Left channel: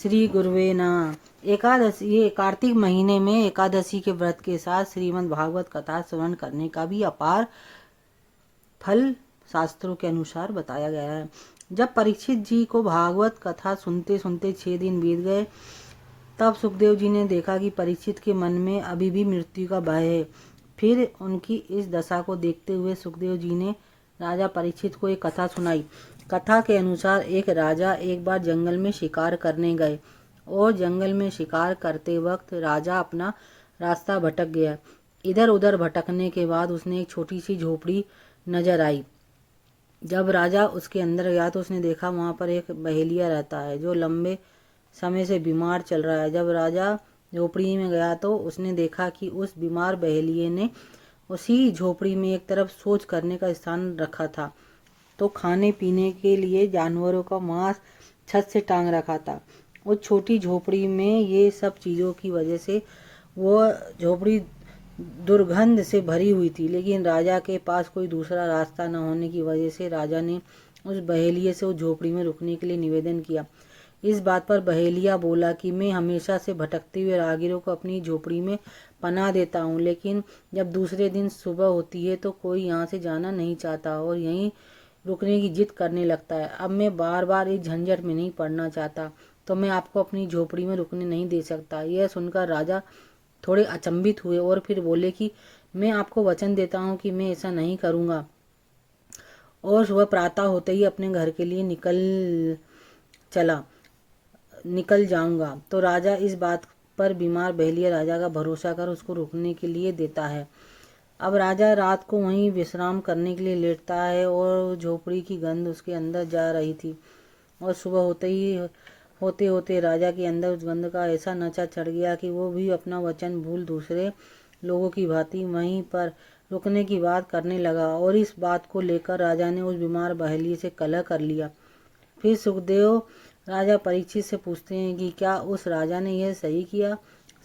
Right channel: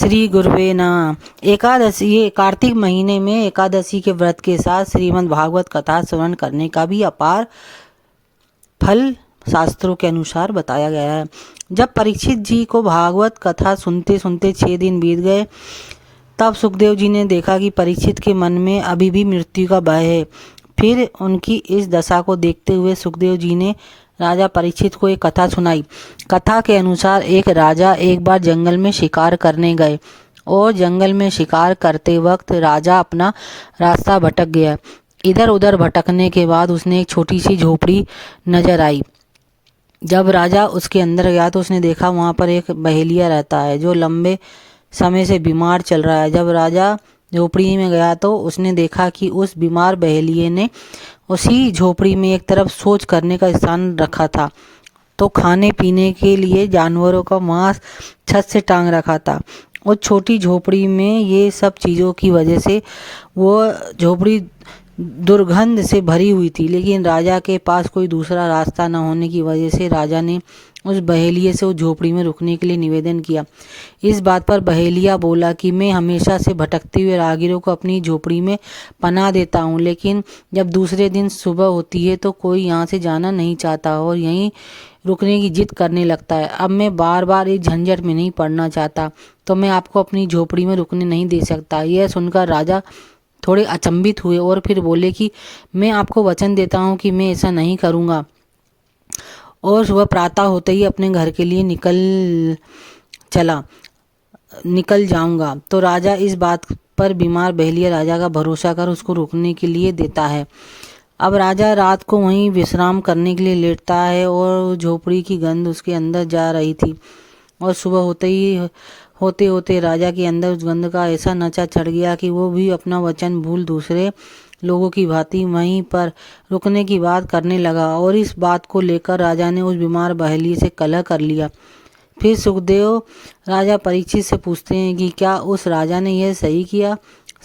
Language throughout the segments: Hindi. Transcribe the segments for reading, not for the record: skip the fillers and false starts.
श्री गुरुवे नमः। एकादशी, ये कार्तिक महीने में एकादशी के व्रत के साथ श्रीमद् भागवत कथा श्रवण करने का भी अपार फल शास्त्रों के अनुसार बताया गया है। जब परीक्षित जी को भागवत कथा सुनते सुनते 6 दिन बीत गए, तब सुखदेव जी ने देखा कि परीक्षित के मन में अभी भी मृत्यु का भय है। फिर उनकी इस दशा को देखते हुए सुखदेव जी ने राजा परीक्षित को एक कथा सुनाई। कथा के अनुसार एक राजा एक बार जंगल में शिकार करने गए और जंगल में शिकार करते वक्त राजा अपना रास्ता भटक गया। इधर उधर भटकने के बाद उसने एक छोटी सी झोपड़ी नजर आई। जब राजा उसके अंदर गया तो उसने देखा वहाँ पर एक बहेलिया रहता है जो लंबे समय से बीमार चल रहा है। जब राजा झोपड़ी में गया तो उसने देखा कि उस बीमार बहेलिये ने उसी झोपड़ी में एक तरफ सोच करने का स्थान रखा था, तो खाने पीने के लिए जानवरों का मांस छत से टांग रखा था। उस छोटी झोपड़ी में ये सब चीज़ों की वजह से वो झोपड़ी दुर्गंध से भरी हुई थी, लेकिन राजा के पास कोई दूसरा रास्ता न होने की वजह से राजा ने उस बहेलिये से उस झोपड़ी में रुकने के लिए निवेदन किया। इस बात पर बहेलिया बोला कि मैं हमेशा से भटकते हुए राहगीरों को अपनी झोपड़ी में पनाह देता हूँ, लेकिन जब दूसरे दिन सुबह होती है तो कोई यहाँ से जाना नहीं चाहता और यहीं रुकने की जिद करने लगता है। अब मैं बार बार इस झंझट में नहीं पड़ना चाहता, तो मैं आपको अपनी झोपड़ी में रुकने नहीं दे सकता। यह सुनकर राजा थोड़े अचंभित हुए और फिर बोले कि मैं आपको वचन देता हूँ कि मैं ऐसा नहीं करूँगा। और सुबह प्रातः होते ही अपने घर के लिए निकल जाऊंगा। तो राजा इस बात पर बीमार बहेलिया राजा का भरोसा कर उसको रुकने के लिए देता है। अब राजा रात को वहीं विश्राम करने के लिए लेटता है और झोपड़ी की गंध उसके अंदर जा रही थी और सुबह होते होते राजा के अंदर उस गंध का ऐसा नशा चढ़ गया कि वो भी अपना वचन भूल दूसरे लोगों की भांति वहीं पर रुकने की बात करने लगा। और इस बात को लेकर राजा ने उस बीमार बहेलिये से कलह कर लिया। फिर सुखदेव राजा परीक्षित से पूछते हैं कि क्या उस राजा ने यह सही किया।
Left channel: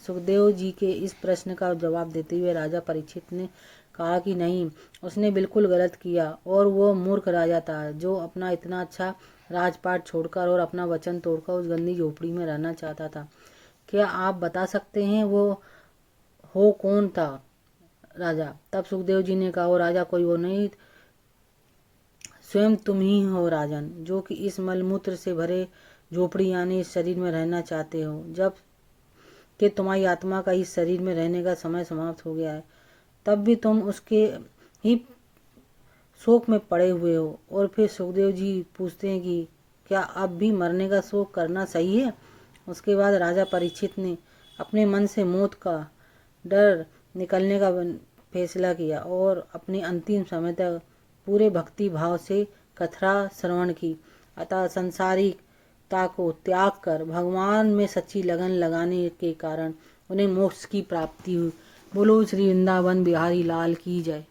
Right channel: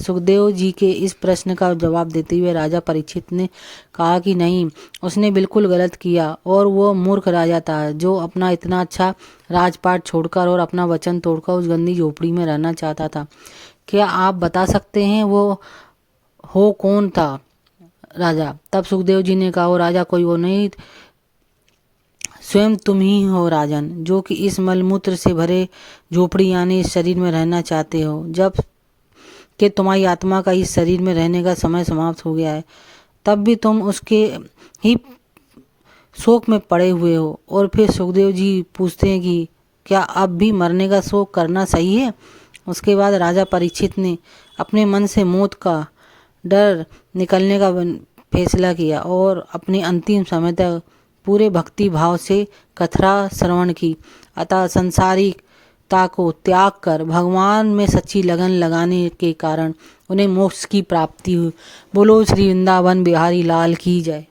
सुखदेव जी के इस प्रश्न का जवाब देते हुए राजा परीक्षित ने कहा कि नहीं, उसने बिल्कुल गलत किया और वो मूर्ख राजा था जो अपना इतना अच्छा राजपाट छोड़कर और अपना वचन तोड़कर उस गंदी झोपड़ी में रहना चाहता था। क्या आप बता सकते हैं वो हो कौन था राजा? तब सुखदेव जी ने कहा, वो राजा कोई वो नहीं, स्वयं तुम ही हो राजन, जो कि इस मलमूत्र से भरे झोपड़ी यानी इस शरीर में रहना चाहते हो। जब कि तुम्हारी आत्मा का इस शरीर में रहने का समय समाप्त हो गया है, तब भी तुम उसके ही शोक में पड़े हुए हो। और फिर सुखदेव जी पूछते हैं कि क्या अब भी मरने का शोक करना सही है? उसके बाद राजा परीक्षित ने अपने मन से मौत का डर निकलने का फैसला किया और अपने अंतिम समय तक पूरे भक्ति भाव से कथा श्रवण की। अतः संसारिकता को त्याग कर भगवान में सच्ची लगन लगाने के कारण उन्हें मोक्ष की प्राप्ति हुई। बोलो श्री वृंदावन बिहारी लाल की जय।